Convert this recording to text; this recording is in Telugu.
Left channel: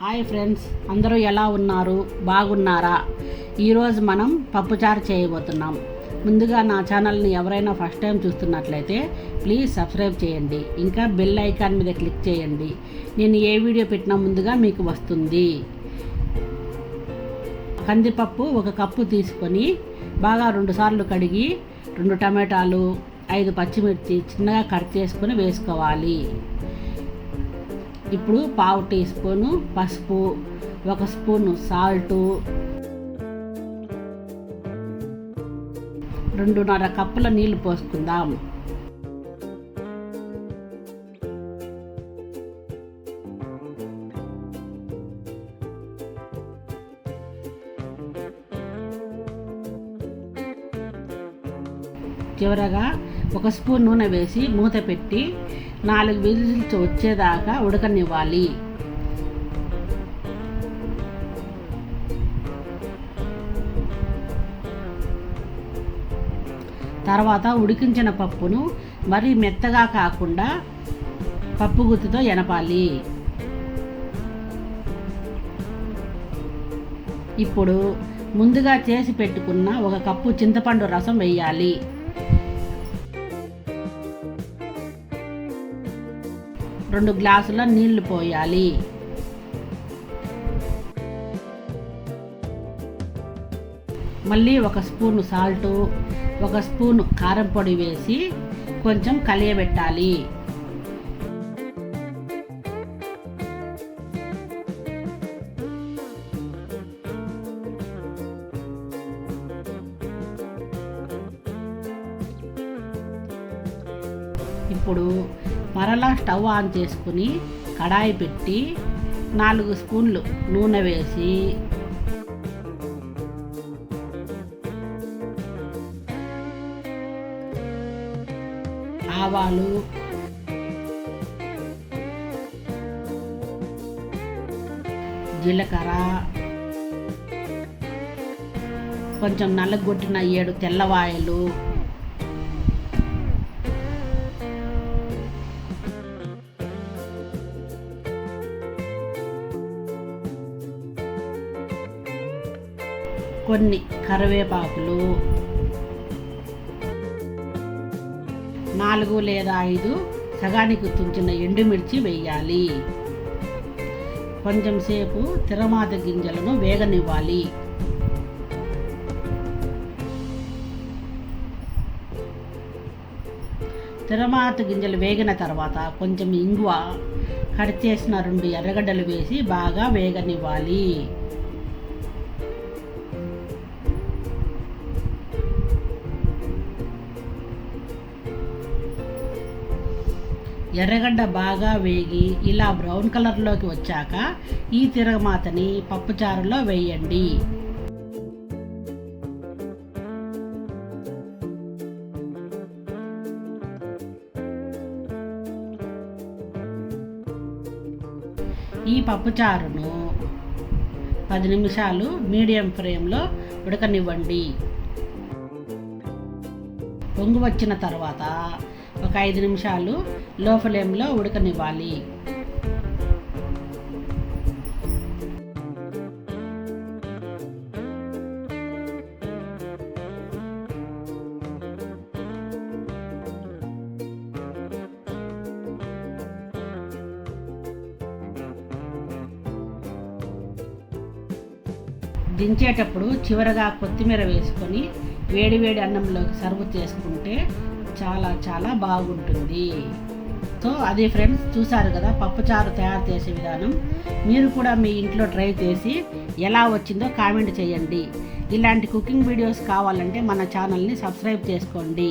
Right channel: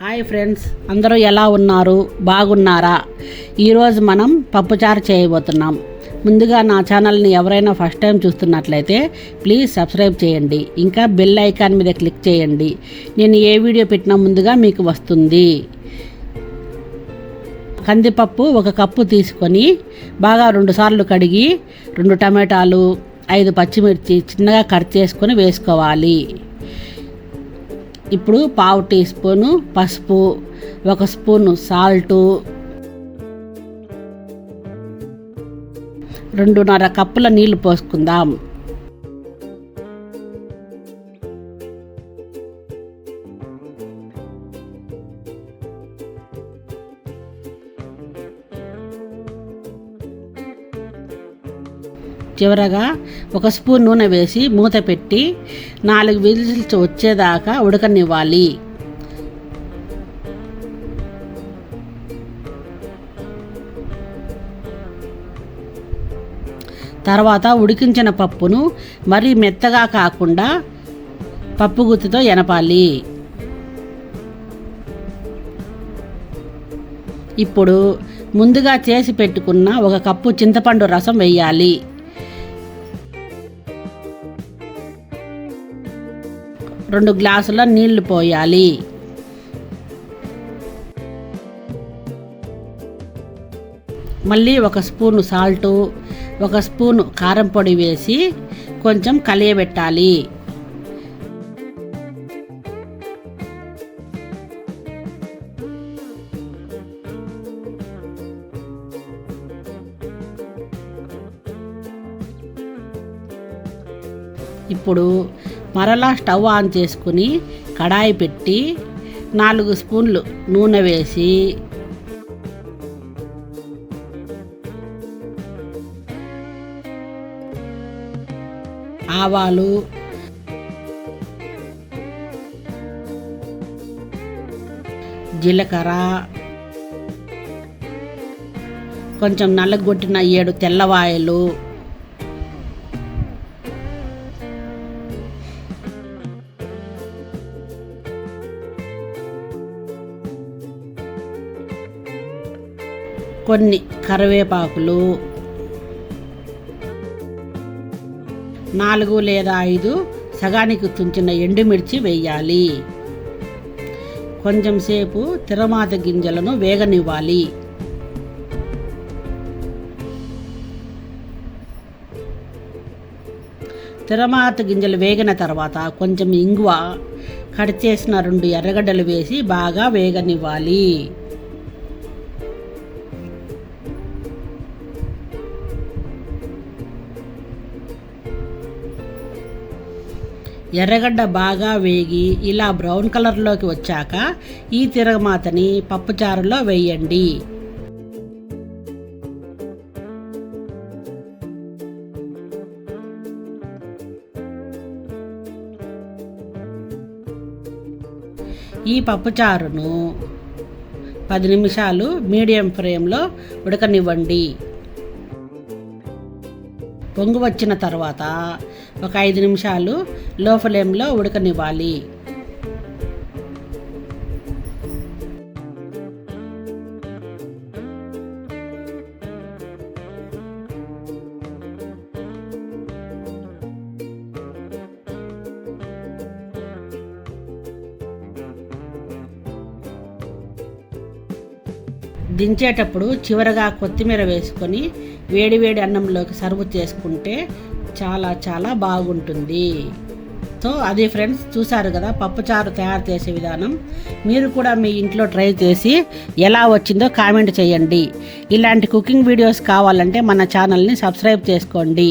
హాయ్ ఫ్రెండ్స్, అందరూ ఎలా ఉన్నారు? బాగున్నారా? ఈరోజు మనం పప్పుచారు చేయబోతున్నాం. ముందుగా నా ఛానల్ని ఎవరైనా ఫస్ట్ టైం చూస్తున్నట్లయితే ప్లీజ్ సబ్స్క్రైబ్ చేయండి. ఇంకా బెల్ ఐకాన్ మీద క్లిక్ చేయండి. నేను ఏ వీడియో పెట్టినా ముందుగా మీకు వస్తుంది. కందిపప్పు 1 కప్పు తీసుకొని బాగా 2 సార్లు కడిగి 2 టమాటాలు 5 పచ్చిమిర్చి చిన్నగా కట్ చేసుకొని వేసుకోవాలి. ఇప్పుడు 1/2 టీ స్పూను పసుపు, 1 స్పూను సాల్టు, 2.5 కప్పుల నీళ్లు పోసుకుందాం. చివరగా 1 స్పూన్ నూనె వేసి మూత పెట్టి 4 విజిల్స్ వచ్చేదాకా ఉడకనివ్వాలి. తర్వాత ఉడికించిన పప్పును మరీ మెత్తగా కాకుండా పప్పు గుత్తితో ఎనపాలి. ఇప్పుడు ముందుగా చేసి పెట్టుకున్న 1 కప్పు చింతపండు రసం వేయాలి. 2 గ్లాసుల నీళ్లు పోయాలి. మళ్ళీ 1 స్పూను సాల్టు, 1 స్పూను కారం పొడి వేసి కొంచెం కలియబెట్టాలి. ఇప్పుడు మరలా స్టవ్ ఆన్ చేసుకుని కడాయి పెట్టి 4 స్పూన్లు నూనె వేసి ఆవాలు, జీలకర్ర, కొంచెం నల్లగొట్టిన 7 తెల్లవాయలు, కొన్ని కరివేపాకులు, 4 లేదా 5 సగానికి తుంచిన ఎండుమిర్చి వేయాలి. కొంచెం సేపు తిరమాత గింజలను వేగనివ్వాలి. తిరమాత గింజలు వేగిన తర్వాత కొంచెం ఇంగువ, కట్ చేసిన 2 ఎర్రగడ్డలు వేసి బాగా వేగనివ్వాలి. ఎర్రగడ్డ బాగా వేగి ఇలా బ్రౌన్ కలర్లోకి వచ్చాక ఈ తిరగమాతని పప్పుచారులో వేయండి. ఈ పప్పుచారును 10 నిమిషాలు మీడియం ఫ్లేమ్లో ఉడకనివ్వండి. పొంగు వచ్చిన తర్వాత ఒక 5 నిమిషాలు లో ఫ్లేమ్లో ఉడకనివ్వాలి. దించేటప్పుడు చివరగా కొత్తిమీర వేసుకొని వేడివేడి అన్నంలోకి సర్వ్ చేసుకుంటే చాలా చాలా బాగుంటుంది. సో అది ఫ్రెండ్స్, చూసారు కదా పప్పుచారు తయారు చేసే విధానం. మీరు కూడా మీ ఇంట్లో ట్రై చేసి ఎలా వచ్చిందో కామెంట్ చేయండి. ఇలాంటి కుకింగ్ వీడియోస్ కావాలంటే మన ఛానల్ని సబ్స్క్రైబ్ చేసుకోండి.